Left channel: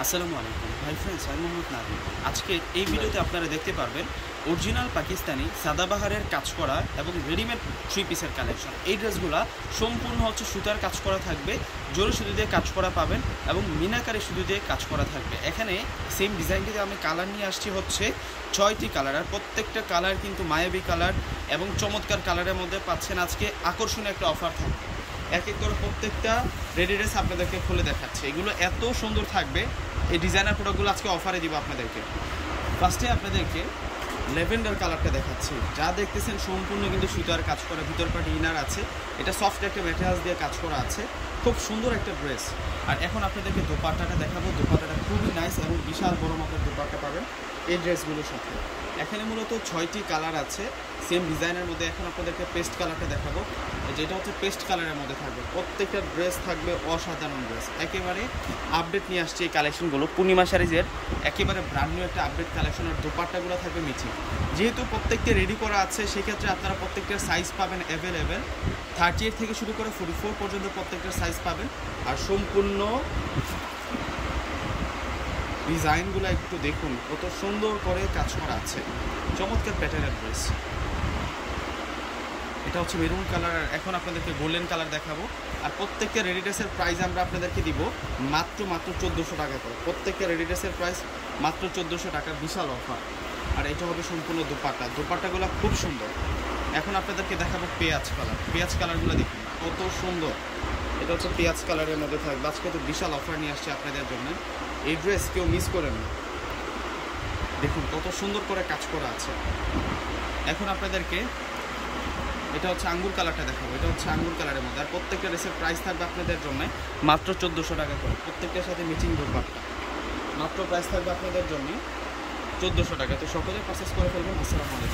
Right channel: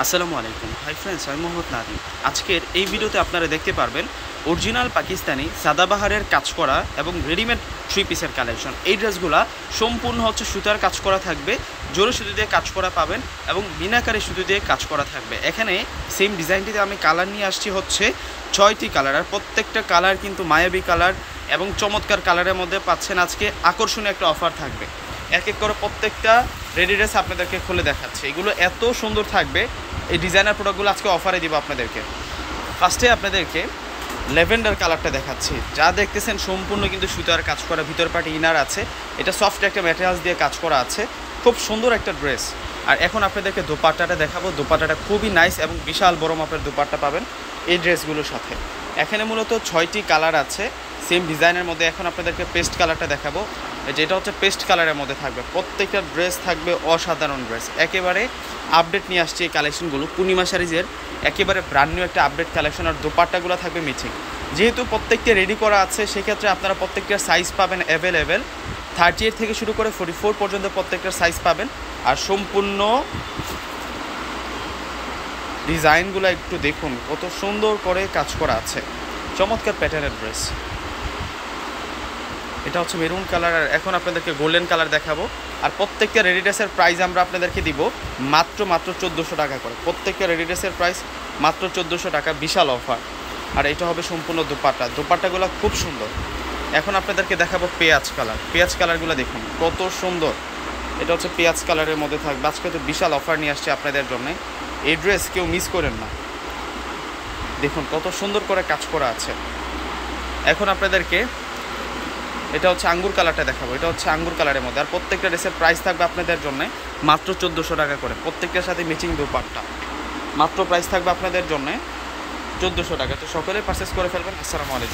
আসসালামু আলাইকুম। Hi friends, আমি মোহাম্মদ নাদিম। আজকের এই ভিডিওতে আপনারা দেখতে পারবেন অরিজিনাল পাকিস্তানি সাদাবাহারের কাজ করা এবং রেডিমেড থ্রি পিসের কালেকশন। এই ড্রেসগুলো সম্পূর্ণ হচ্ছে সুতার কাজ করা থাকবে, জোরে সুতো দিয়ে কাজ করা পাবেন এবং মিনাকারি সুতো দিয়ে কাজ করা থাকবে। এখানে সেম ডিজাইনটিতে আমি কালার নিয়ে আসছি হচ্ছে 6টি কালার, আর প্রত্যেকটা কালার কিন্তু মায়াবী কালার এবং চমৎকার কালারের মধ্যে পাচ্ছেন। আজকে আকর্ষণীয় একটা অফার থাকবে। এক এক করে প্রত্যেকটা রেডি ড্রেস আপনাদেরকে খুলে দেখাচ্ছে। এগুলো এত সুন্দর থাকবে, এই ডিজাইনার প্রোডাক্টগুলো আজকে অফারে দিব আপনাদেরকে। ফার্স্টে আপনাদেরকে ল্যাভেন্ডার কালারটা দেখাচ্ছি। যা দেখতেছেন সম্পূর্ণ কিন্তু সুতার কাজ করা, ভিতর পার্টি ইনার আছে, এটা সফট একটা ম্যাটেরিয়ালস দিয়ে কাজ করা আছে, খুব সুন্দর একটা ড্রেস। আর এখন আপনাদেরকে দোপাট্টাটা দেখাবো। দোপাট্টাটা খুবই নাইস এবং বিশাল বড় মাপের দোপাট্টা পাবেন এই ড্রেসগুলোর সাথে। এখানে মূলত 6টি কালার আছে সেম ডিজাইনের মধ্যে। এখন আপনাদেরকে পেস্ট কালারটা দেখাবো, যেটা হচ্ছে পেস্ট কালারের মধ্যে থাকবে। প্রত্যেকটা ড্রেস থাকবে অসাধারণ ড্রেস, একেবারে আপডেট নিয়ে আসছে এই কালেকশনগুলো। পূর্ণিমা শাড়িজের একেবারে ব্র্যান্ড নিউ একটা আপডেট কালেকশন। আর দোপাট্টাগুলো থাকবে ম্যাচিং। যেহেতু প্রত্যেকটা রেডি করা আছে, সেক্ষেত্রে আপনারা প্রত্যেকটার সাইজ পাবেন অ্যাভেলেবেল। 38 থেকে শুরু করে 44 পর্যন্ত প্রত্যেকটার সাইজ পাবেন। আর সম্পূর্ণ ডিজাইনগুলো একটু দেখুন, কত সুন্দর করে কাজ করা আছে, চমৎকার প্যাটার্নের ড্রেস। এটা হচ্ছে মেরুন কালার। আর এখন আপনাদেরকে গোল্ডেন কালার দেখাবো। আর প্রত্যেকটা রেডি ড্রেসের প্রাইস আমরা আপনাদেরকে দিব মাত্র 1400 টাকা করে। প্রত্যেকটা রেডি ড্রেসের প্রাইস মাত্র 1400 টাকা, বিশাল অফার। আর এটা হবে সম্পূর্ণ দোপাট্টা। দোপাট্টাগুলো খুব সুন্দর। এখন আপনাদেরকে দেখাবো পেঁয়াজ কালার। পেঁয়াজ কালারগুলো দেখুন কত সুন্দর। এটা হচ্ছে পেঁয়াজ কালারের মধ্যে থাকবে। আজকে তো বিশাল অফার নিয়ে আসছে আপনাদের জন্য। এই ড্রেস কেউ মিস করেন না। দেখুন কত সুন্দর করে কাজ করা আছে। এখন আপনাদেরকে এটা হচ্ছে আঙ্গুর কালারটা দেখাবো। এটা হচ্ছে আঙ্গুর কালারের মধ্যে। আর প্রত্যেকটা ড্রেসের প্রাইস থাকবে আপনাদের জন্য মাত্র 1400 টাকা করে। প্রত্যেকটার সাথে ম্যাচিং দোপাট্টা। মাত্র প্রাইস থাকবে আপনাদের জন্য 1400 টাকা। তো সকলে পারচেস করে ফেলবেন। আসসালামু আলাইকুম।